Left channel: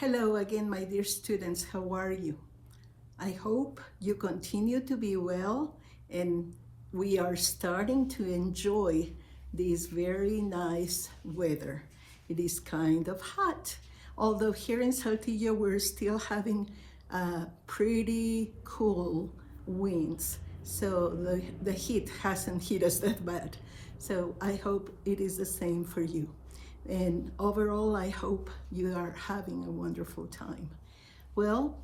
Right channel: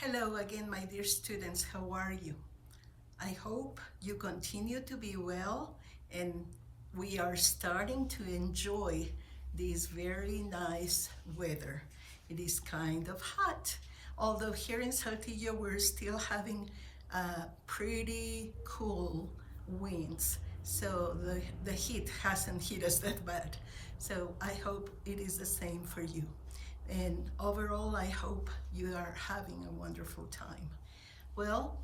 Hello again, my dear students. How are you? I hope you continue to be well and we are starting to enjoy this very nice weather. It is kind of hot, although here in Saltillo we're still having pretty cool winds. So the heat hasn't hit us that bad. So I hope it is the same for you. And overall, I hope you are having a wonderful time. Well,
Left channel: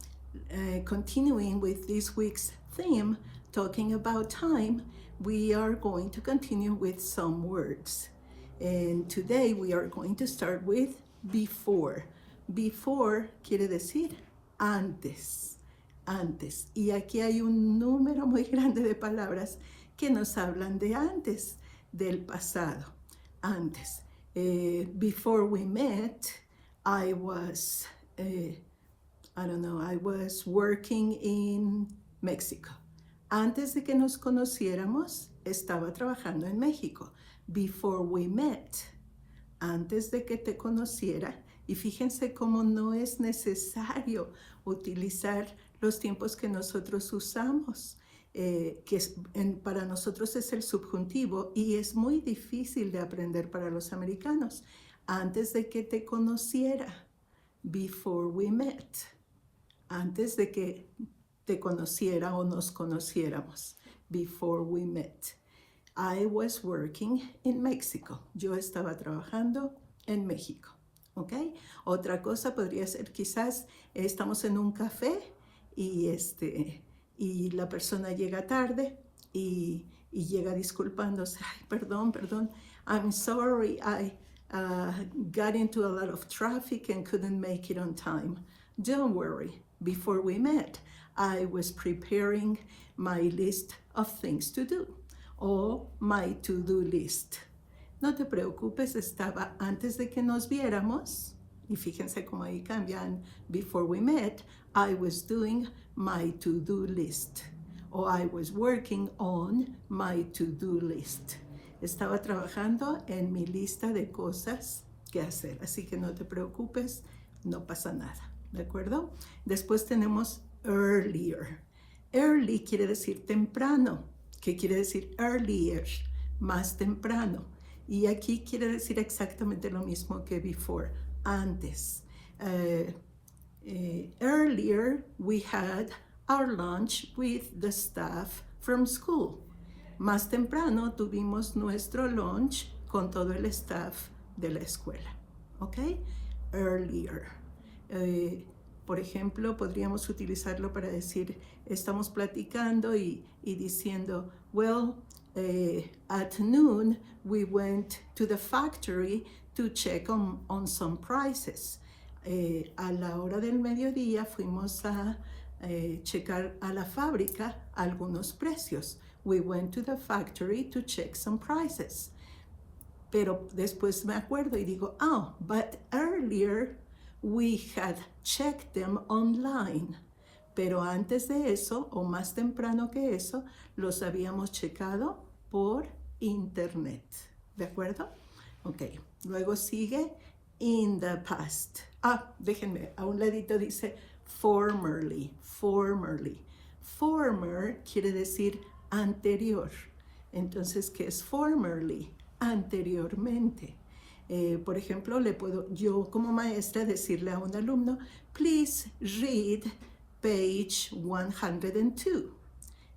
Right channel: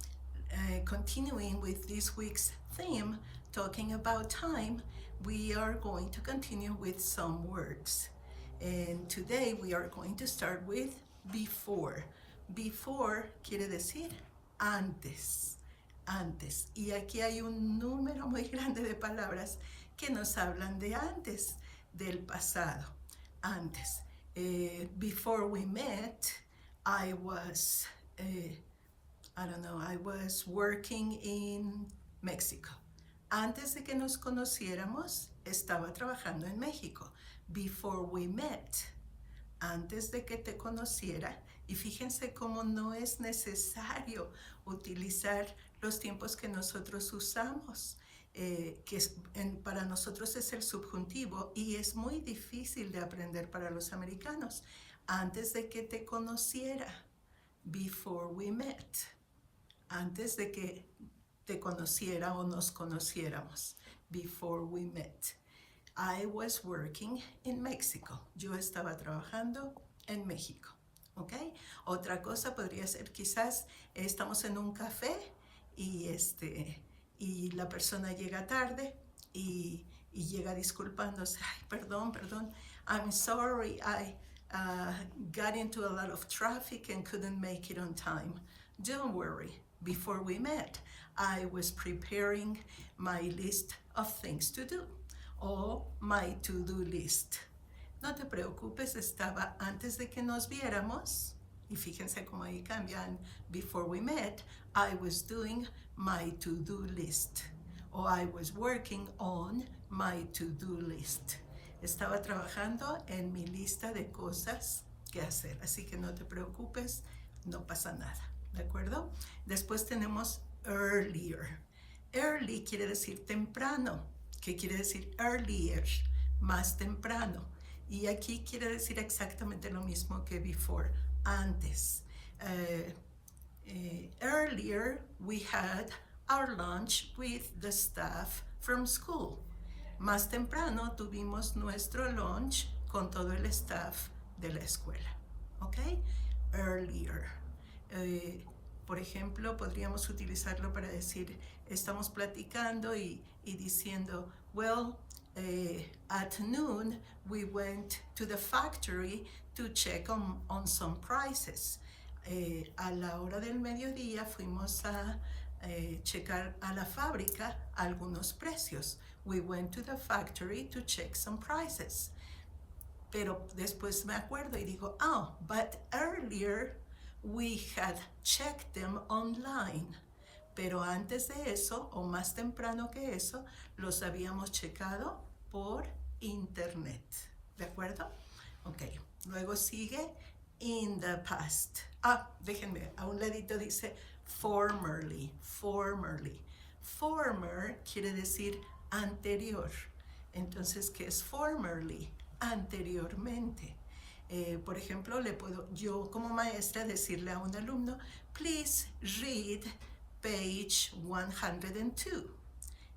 continuing with this week's theme, talking about time, we are going to continue with some words. And today we are going to start with before. Before quiere decir antes, antes. Y aquí hay un número muy grande de palabras que nos hablan de antes, del pasado, antes. Before we met, I was working in Mexico. Antes de que nos conociéramos, estaba trabajando en México. Before we met, antes de que te conociera. Y fíjense cómo no es necesario utilizar los tiempos que nosotros usamos. Para nosotros es el subjuntivo y es muy difícil de aprender para los americanos. Antes de que te conociera, before we met, antes de que te conociera o nos conociéramos, before we met. I was working in Mexico. Yo estaba trabajando en México. ¿Ok? Otra cosa podría ser quizás estamos en un café y la persona llega tarde y llega disculpándose. Ay, perdón, I'm sorry, I got into a lot of traffic and couldn't make it on time. Don't worry, before we met, I was preparing my list of things to do, o my to-do list. No te preocupes, estaba antes de que nos viéramos, y fíjense cómo ahí cambian, before we met, I was doing my to-do list, or I was working on my to-do list. Estaba trabajando en mi lista de cosas que hacer, así que no te preocupes, no pasa nada, ¿de acuerdo? Después tenemos earlier. Early quiere decir temprano. ¿Qué quiere decir earlier? Más temprano. Y aquí quiere decir exactamente lo mismo que before, antes. Earlier, we had our lunch with the staff from school. Más temprano tuvimos nuestro lunch con todo el staff de la escuela. ¿Ok? Earlier. Por ejemplo, podríamos utilizarlo para decir, estamos platicando y diciendo, well, at noon, we went to the factory to check on some prices. A la hora del mediodía fuimos a checar a la fábrica algunos precios. We went to the factory to check some prices. Pero después me acuerdo y digo, oh, but earlier we had checked them online. Pero antes de eso, o más temprano que eso, los habíamos checado por internet. ¿De acuerdo? Ok. Luego sigue in the past. Déjenme, a un ladito dice formerly, formerly. Former quiere decir anterior. Entonces, ¿qué es formerly? Anteriormente. Por ejemplo, le puedo yo como maestra decirle a un alumno, please read page 102.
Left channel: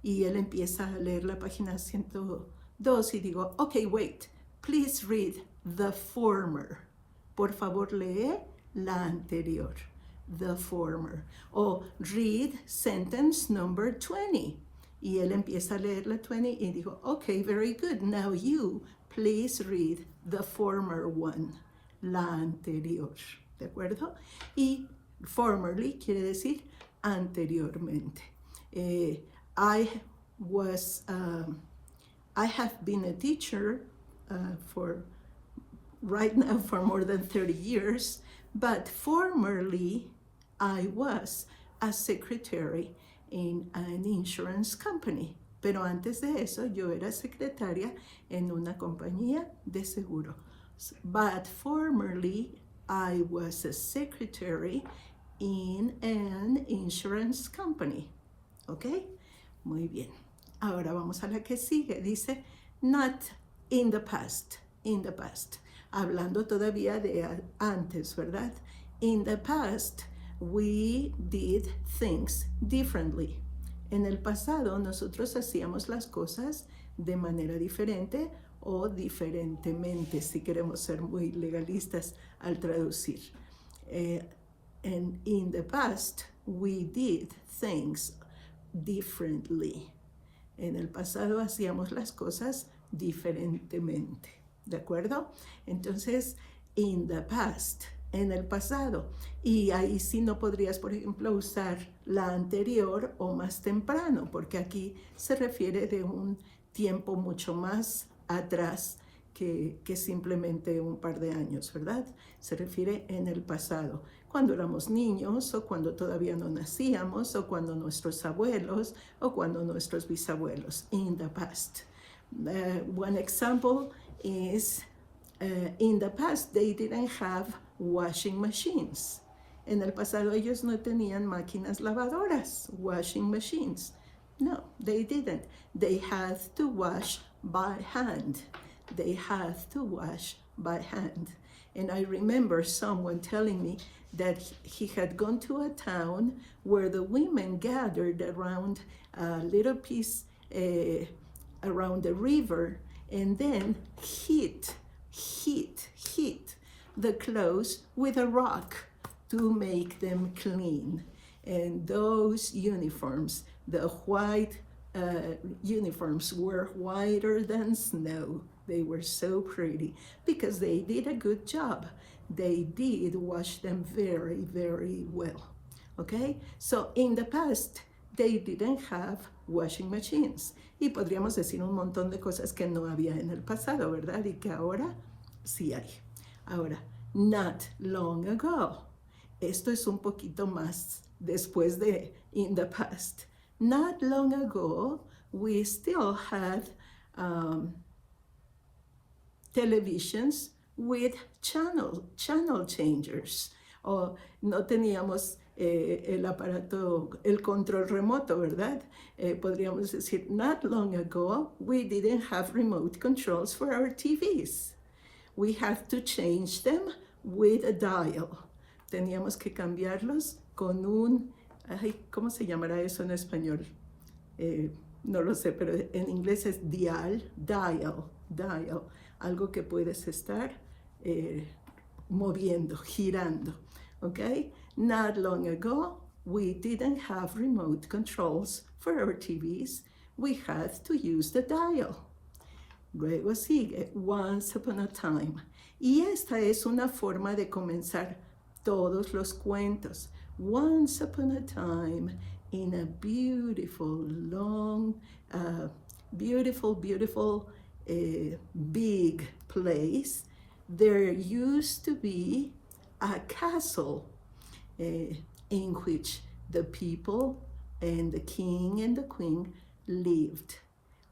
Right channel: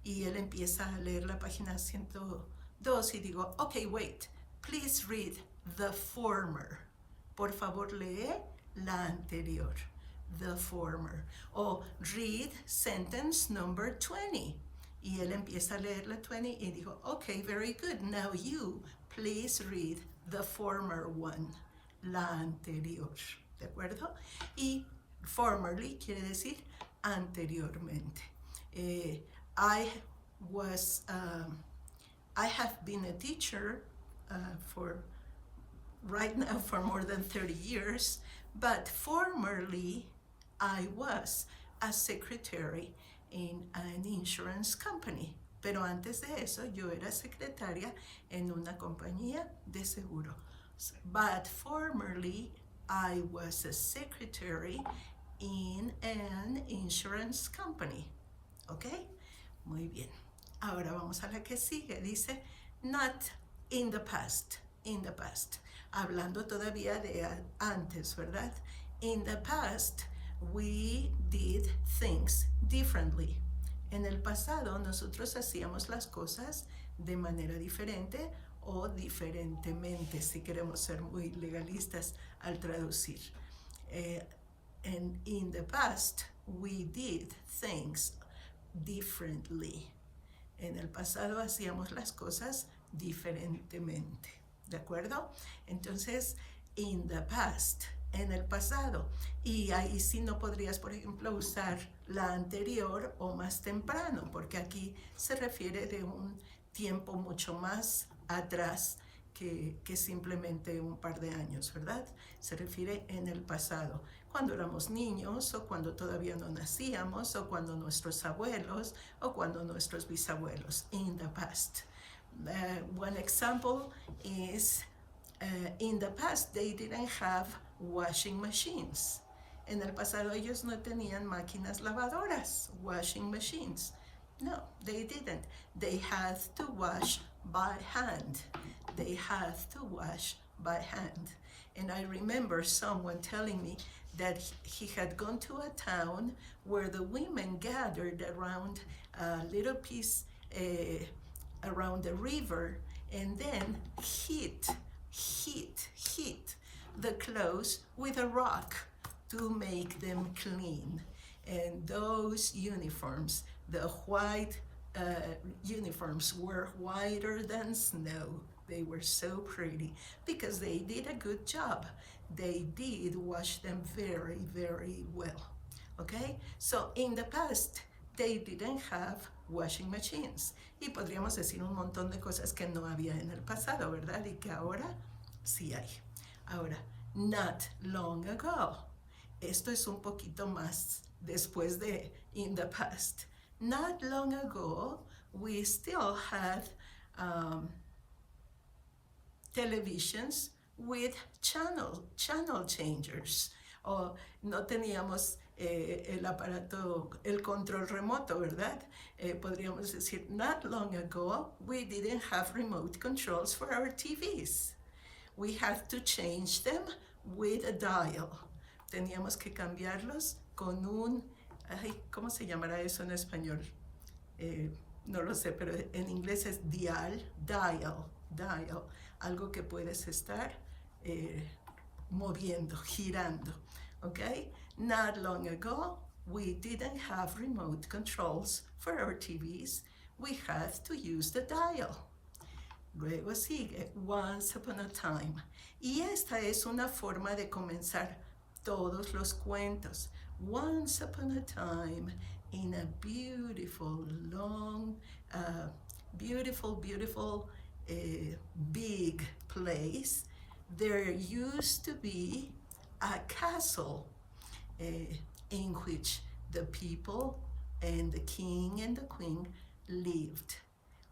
Y él empieza a leer la página 102 y digo, ok, wait, please read the former. Por favor, lee la anterior, the former. O read sentence number 20. Y él empieza a leer la 20 y digo, ok, very good, now you please read the former one, la anterior, ¿de acuerdo? Y formerly quiere decir anteriormente. I have been a teacher right now for more than 30 years, but formerly I was a secretary in an insurance company. Pero antes de eso yo era secretaria en una compañía de seguro. But formerly I was a secretary in an insurance company. ¿Ok? Muy bien. Ahora vamos a la que sigue. Dice, not in the past. In the past. Hablando todavía de antes, ¿verdad? In the past, we did things differently. En el pasado, nosotros hacíamos las cosas de manera diferente o diferentemente, si queremos ser muy legalistas al traducir. And in the past, we did things differently. En el pasado hacíamos las cosas diferentemente. ¿De acuerdo? Entonces, in the past, en el pasado. Y ahí sí no podrías, por ejemplo, usar la anterior o más temprano, porque aquí se refiere de un tiempo mucho más atrás que simplemente un par de años, ¿verdad? Se refiere en el pasado, cuando éramos niños o cuando todavía no nacíamos o cuando nuestros abuelos o cuando nuestros bisabuelos, in the past. One example is in the past they didn't have washing machines. En el pasado ellos no tenían máquinas lavadoras, washing machines. No, they didn't. They had to wash by hand. They had to wash by hand. And I remember someone telling me that he had gone to a town where the women gathered around a little piece around the river and then hit the clothes with a rock to make them clean. And those uniforms, the white uniforms, were whiter than snow. They were so pretty because they did a good job. They did wash them very, very well. Okay? So in the past, they didn't have washing machines. Y podríamos decir un montón de cosas que no había en el pasado, ¿verdad? Y que ahora sí hay. Ahora, not long ago. Esto es un poquito más después de in the past. Not long ago, we still had televisions with channel changers. O no teníamos el aparato, el control remoto, ¿verdad? Podríamos decir, not long ago, we didn't have remote controls for our TVs. We had to change them with a dial. Teníamos que cambiarlos con un, ¿cómo se llamará eso en español? No lo sé, pero en inglés es dial, algo que puedes estar moviendo, girando, ¿ok? Not long ago, we didn't have remote controls for our TVs. We had to use the dial. Luego sigue, once upon a time. Y esta es una forma de comenzar todos los cuentos. Once upon a time, in a beautiful, long, beautiful, big place, there used to be a castle in which the people and the king and the queen lived.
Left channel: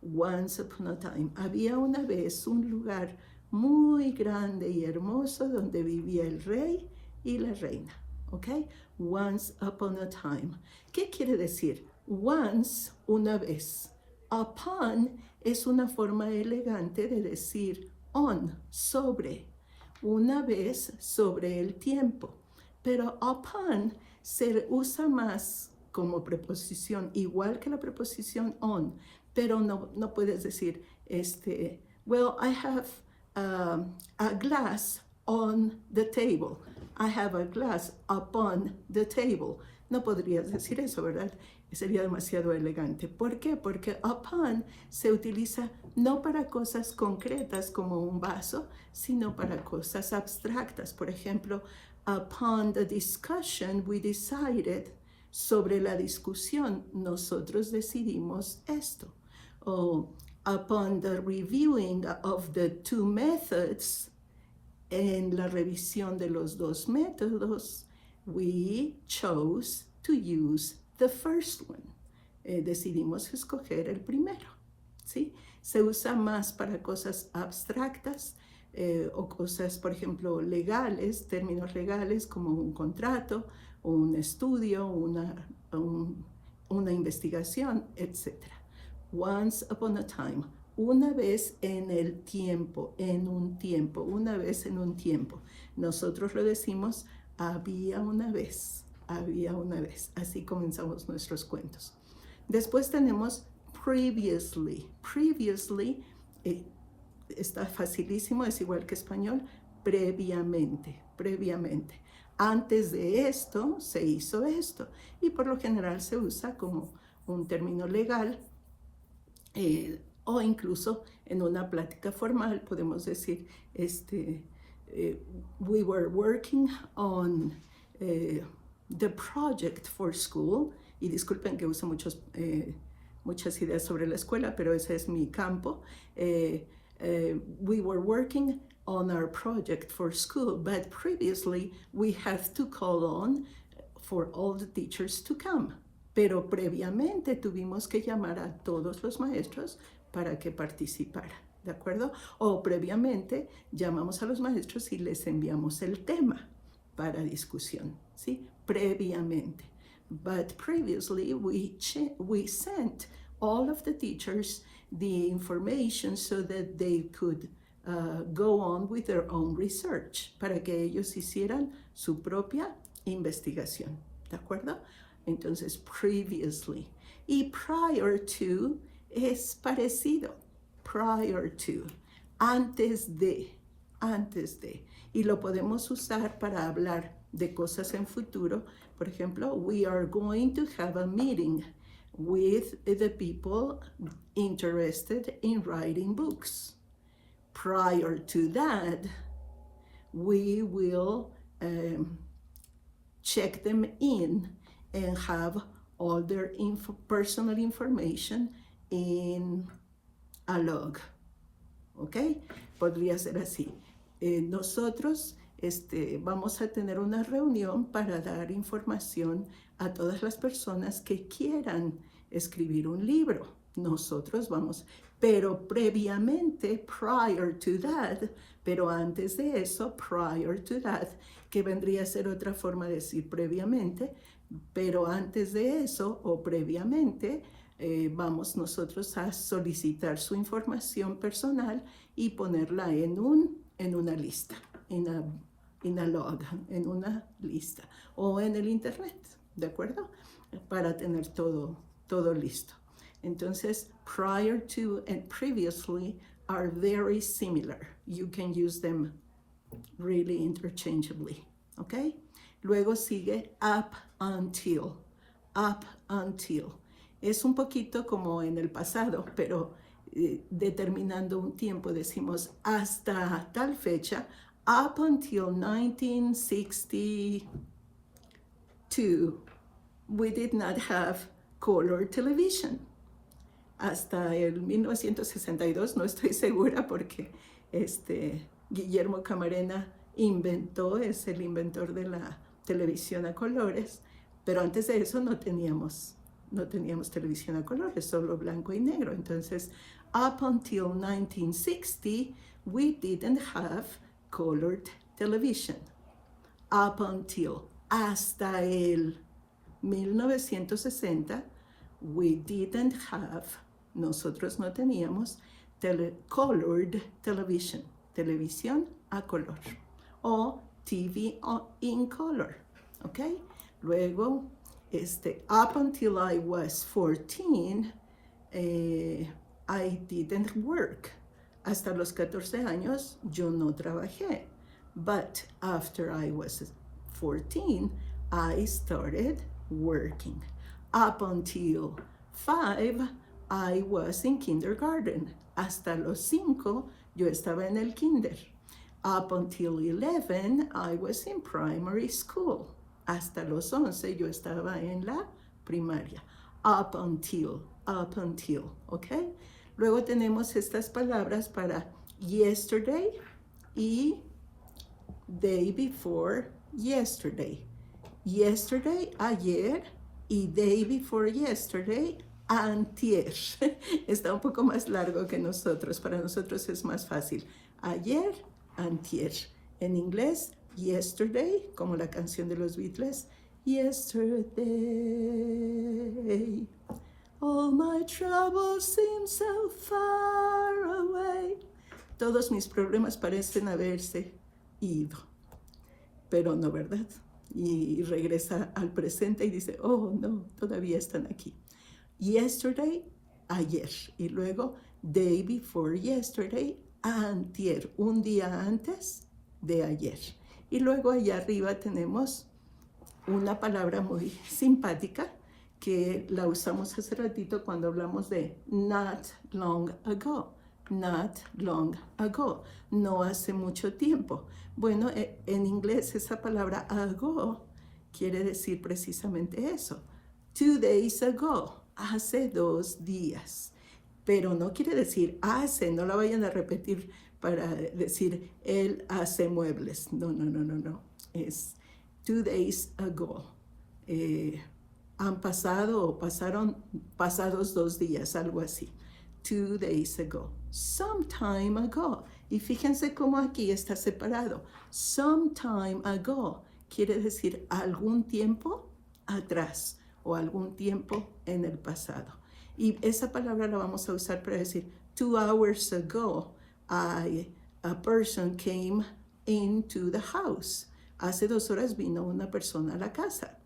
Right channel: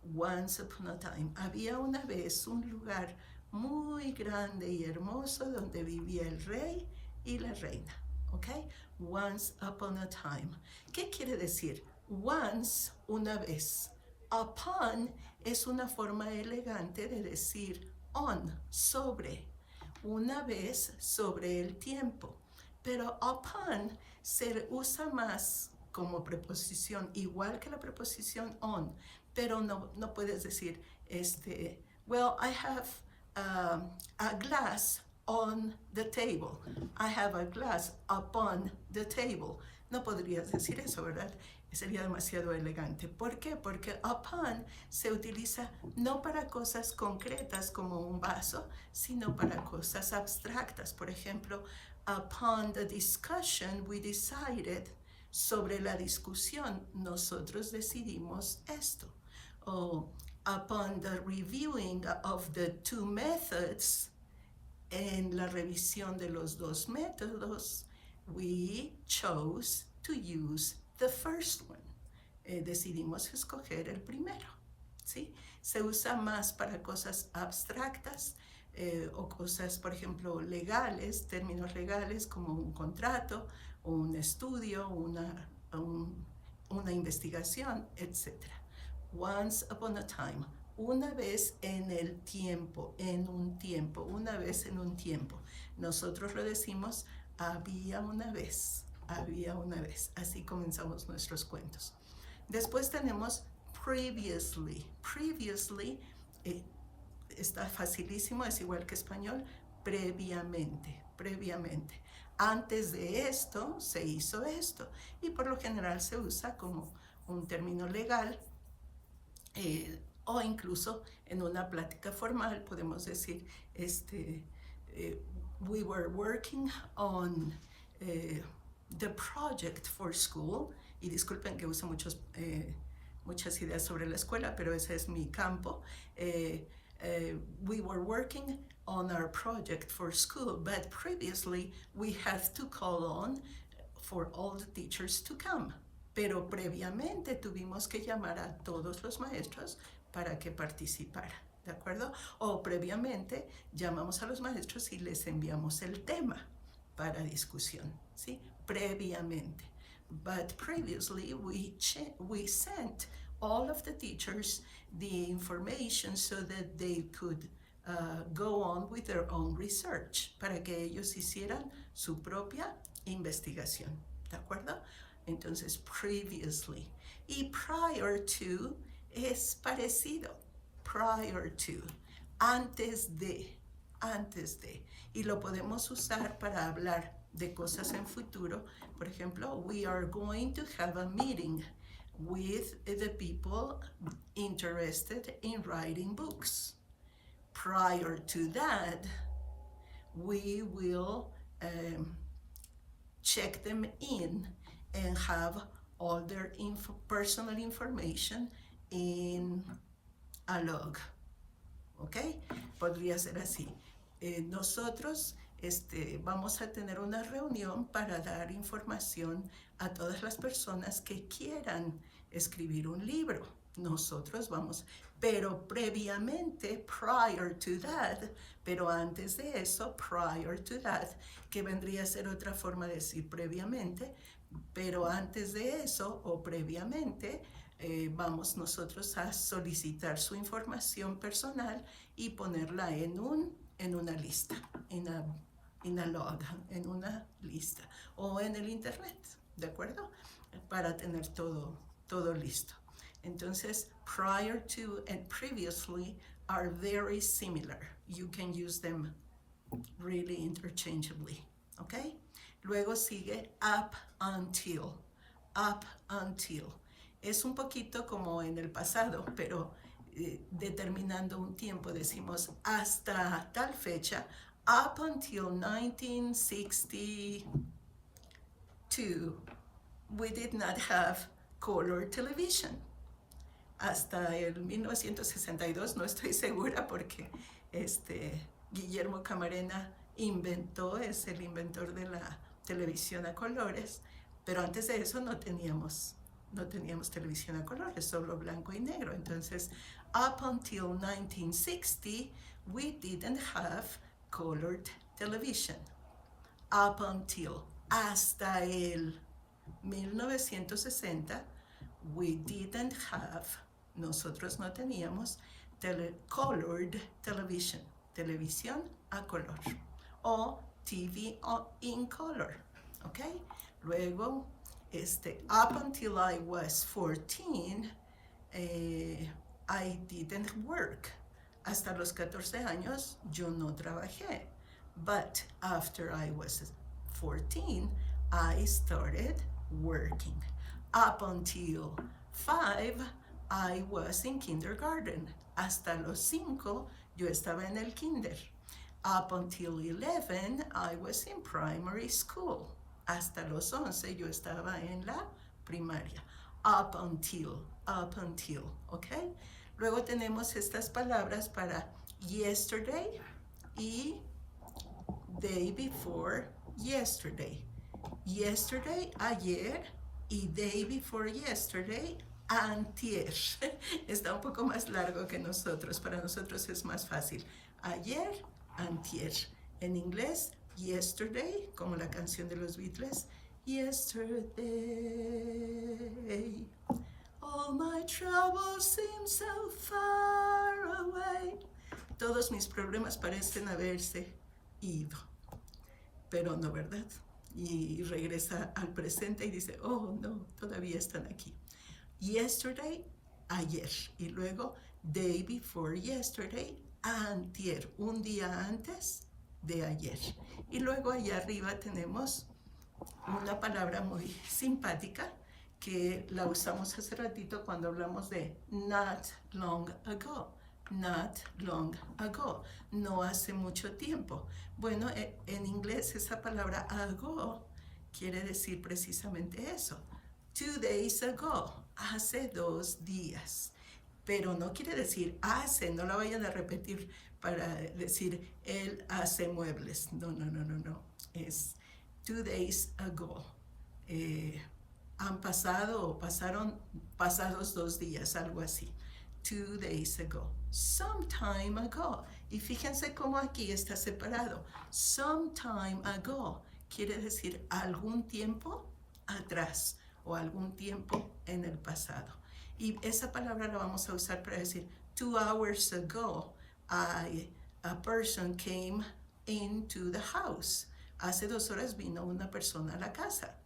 Once upon a time. Había una vez un lugar muy grande y hermoso donde vivía el rey y la reina. ¿Ok? Once upon a time. ¿Qué quiere decir? Once, una vez. Upon es una forma elegante de decir on, sobre. Una vez sobre el tiempo. Pero upon se usa más como preposición, igual que la preposición on, pero no puedes decir, well, I have a glass on the table. I have a glass upon the table. No podrías decir eso, ¿verdad? Sería demasiado elegante. ¿Por qué? Porque upon se utiliza no para cosas concretas como un vaso, sino para cosas abstractas. Por ejemplo, upon the discussion we decided, sobre la discusión nosotros decidimos esto. O upon the reviewing of the two methods, en la revisión de los dos métodos, we chose to use the first one. Decidimos escoger el primero, ¿sí? Se usa más para cosas abstractas, o cosas, por ejemplo, legales, términos legales como un contrato, un estudio, una investigación, etc. Once upon a time, una vez en el tiempo, en un tiempo, una vez en un tiempo. Nosotros lo decimos había una vez, así comenzamos nuestros cuentos. Después tenemos previously. Previously está facilísimo, es igual que español, previamente, previamente. Antes de esto se hizo esto, y por lo general se usa como un término legal, o incluso en una plática formal podemos decir, we were working on the project for school, y disculpen que uso muchas ideas sobre la escuela, pero ese es mi campo. We were working on our project for school, but previously we have to call on for all the teachers to come. Pero previamente tuvimos que llamar a todos los maestros para que participaran, ¿de acuerdo? O previamente llamamos a los maestros y les enviamos el tema para discusión, ¿sí? Previamente. But previously we sent all of the teachers the information so that they could go on with their own research, para que ellos hicieran su propia investigación, ¿de acuerdo? Entonces, previously. Y prior to es parecido. Prior to, antes de. Y lo podemos usar para hablar de cosas en futuro. Por ejemplo, we are going to have a meeting with the people interested in writing books. Prior to that, we will check them in and have all their personal information in a log. ¿Ok? Podría ser así. Nosotros vamos a tener una reunión para dar información a todas las personas que quieran escribir un libro. Nosotros vamos, pero previamente, prior to that, pero antes de eso, prior to that, que vendría a ser otra forma de decir previamente, pero antes de eso o previamente, vamos nosotros a solicitar su información personal y ponerla en una lista, in a log, en una lista, o en el internet, ¿de acuerdo? Para tener todo listo. Entonces, prior to and previously are very similar. You can use them really interchangeably, ¿ok? Luego sigue up until. Up until. Es un poquito como en el pasado, pero determinando un tiempo decimos hasta tal fecha, up until 1962, we did not have color television. Hasta el 1962, no estoy segura porque Guillermo Camarena es el inventor de la televisión a colores, pero antes de eso no teníamos televisión a colores, solo blanco y negro. Entonces, up until 1960, we didn't have colored television. Up until, hasta el 1960, nosotros no teníamos colored television, televisión a color, o TV in color, ¿ok? Luego, up until I was 14, I didn't work. Hasta los 14 años yo no trabajé. But after I was 14, I started working. Up until 5, I was in kindergarten. Hasta los 5, yo estaba en el kinder. Up until 11, I was in primary school. Hasta los 11, yo estaba en la primaria. Up until, ¿ok? Luego tenemos estas palabras para yesterday y day before yesterday. Yesterday, ayer, y day before yesterday, antier. Está un poco más largo que nosotros. Para nosotros es más fácil. Ayer, antier. En inglés, yesterday, como la canción de los Beatles. Yesterday, all my troubles seem so far away. Todos mis problemas parecen haberse ido, pero no, ¿verdad? Y regresa al presente y dice, oh, no, todavía están aquí. Yesterday, ayer. Y luego, day before yesterday, antier, un día antes de ayer. Y luego allá arriba tenemos una palabra muy simpática que la usamos hace ratito cuando hablamos de not long ago. Not long ago, no hace mucho tiempo. Bueno, en inglés esa palabra ago quiere decir precisamente eso. 2 days ago, hace 2 días. Pero no quiere decir hace, no la vayan a repetir para decir él hace muebles. No, no, no, no, no. Es 2 days ago. Han pasado o pasados 2 días, algo así. 2 days ago. Some time ago. Y fíjense cómo aquí está separado. Some time ago quiere decir algún tiempo atrás o algún tiempo en el pasado. Y esa palabra la vamos a usar para decir 2 hours ago a person came into the house. Hace 2 horas vino una persona a la casa.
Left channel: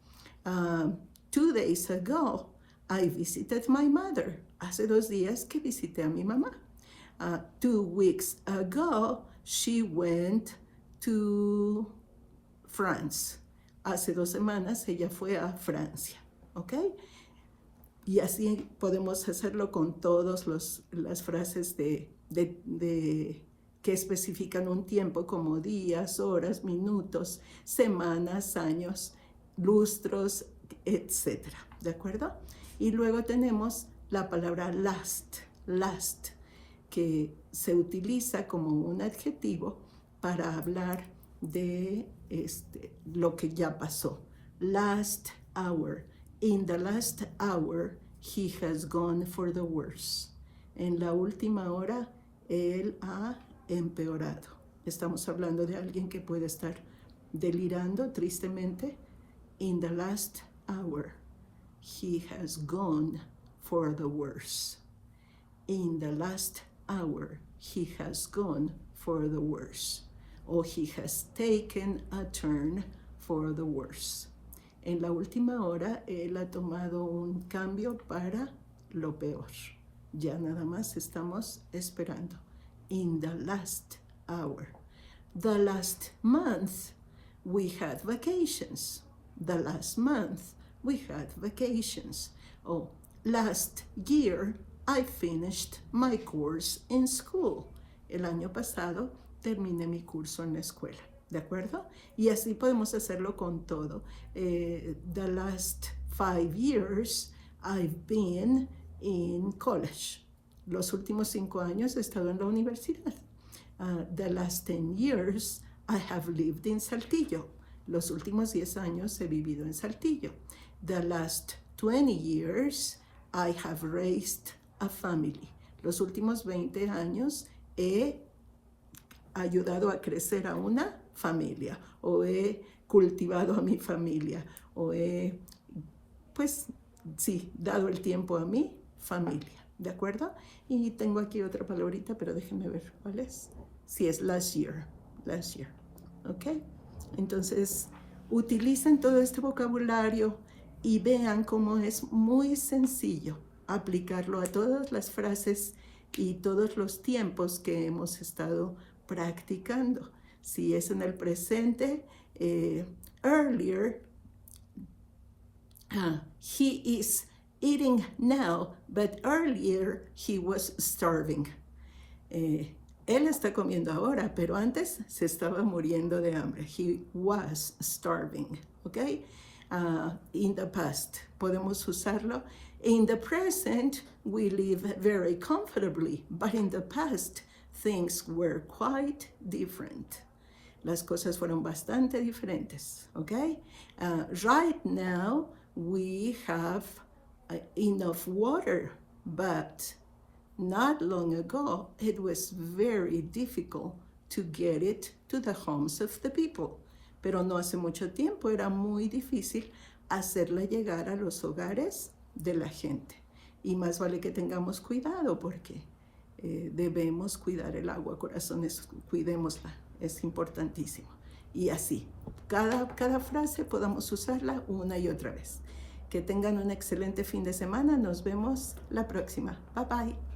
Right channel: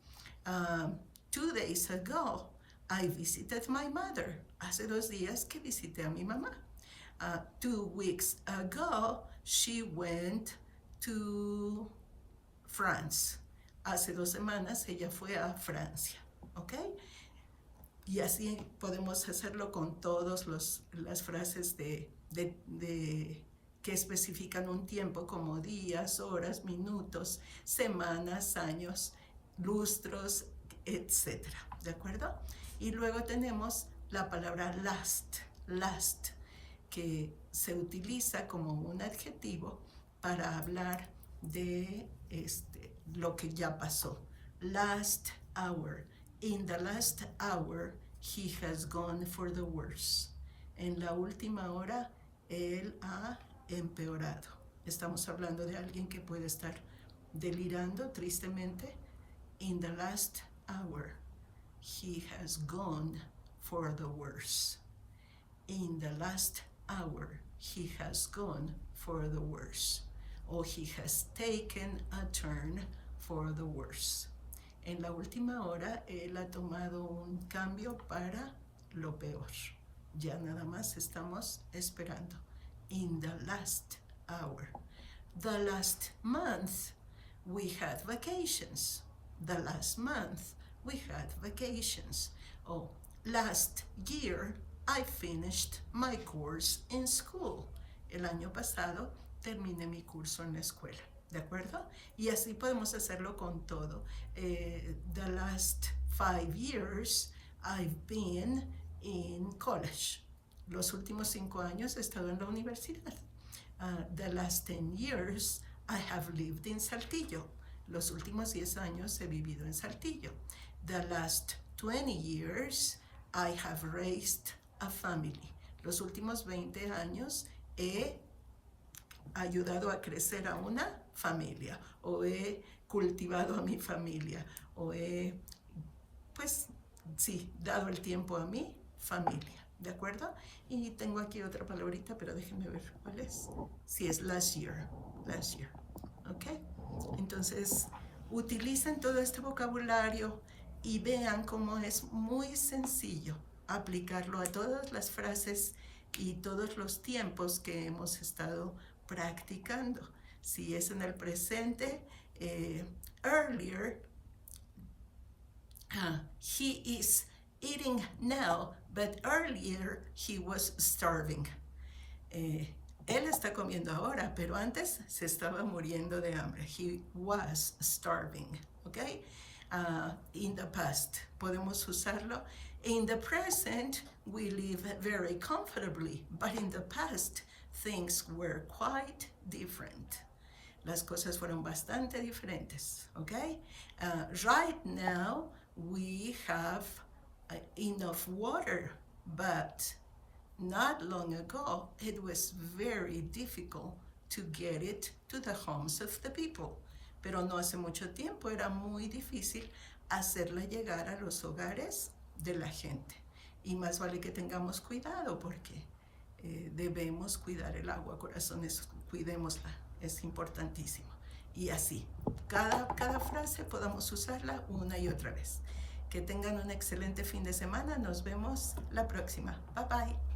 2 days ago I visited my mother. Hace 2 días que visité a mi mamá. 2 weeks ago she went to France. Hace 2 semanas ella fue a Francia. ¿Ok? Y así podemos hacerlo con todas las frases que especifican un tiempo como días, horas, minutos, semanas, años, lustros, etc. ¿De acuerdo? Y luego tenemos la palabra last, que se utiliza como un adjetivo para hablar de lo que ya pasó. Last hour. In the last hour, he has gone for the worse. En la última hora, él ha empeorado. Estamos hablando de alguien que puede estar delirando tristemente. In the last hour, he has gone for the worse. In the last hour, he has gone for the worse. Or he has taken a turn for the worse. En la última hora, él ha tomado un cambio para lo peor. Ya nada más estamos esperando. In the last hour. The last month, we had vacations. The last month, we had vacations. Oh, last year, I finished my course in school. El año pasado, terminé mi curso en la escuela. ¿De acuerdo? Y así podemos hacerlo con todo. The last 5 years I've been in college. Los últimos 5 años he estado en la universidad. The last 10 years I have lived in Saltillo. Los últimos 10 años he vivido en Saltillo. The last 20 years I have raised a family. Los últimos 20 años he ayudado a crecer a una familia, o he cultivado a mi familia, o he, pues, sí, dado el tiempo a mi familia, ¿de acuerdo? Y tengo aquí otra palabrita, pero déjenme ver cuál es. Sí, es last year, ¿ok? Entonces, utilicen todo este vocabulario y vean cómo es muy sencillo aplicarlo a todas las frases y todos los tiempos que hemos estado practicando. Si es en el presente, earlier, he is eating now, but earlier he was starving. Él está comiendo ahora, pero antes se estaba muriendo de hambre. He was starving, ¿ok? In the past, podemos usarlo. In the present, we live very comfortably, but in the past, things were quite different. Las cosas fueron bastante diferentes, ¿ok? Right now, we have enough water, but not long ago, it was very difficult to get it to the homes of the people. Pero no hace mucho tiempo era muy difícil hacerla llegar a los hogares de la gente. Y más vale que tengamos cuidado porque debemos cuidar el agua, corazones, cuidémosla, es importantísimo. Y así, cada frase podamos usarla una y otra vez. Que tengan un excelente fin de semana, nos vemos la próxima. Bye bye.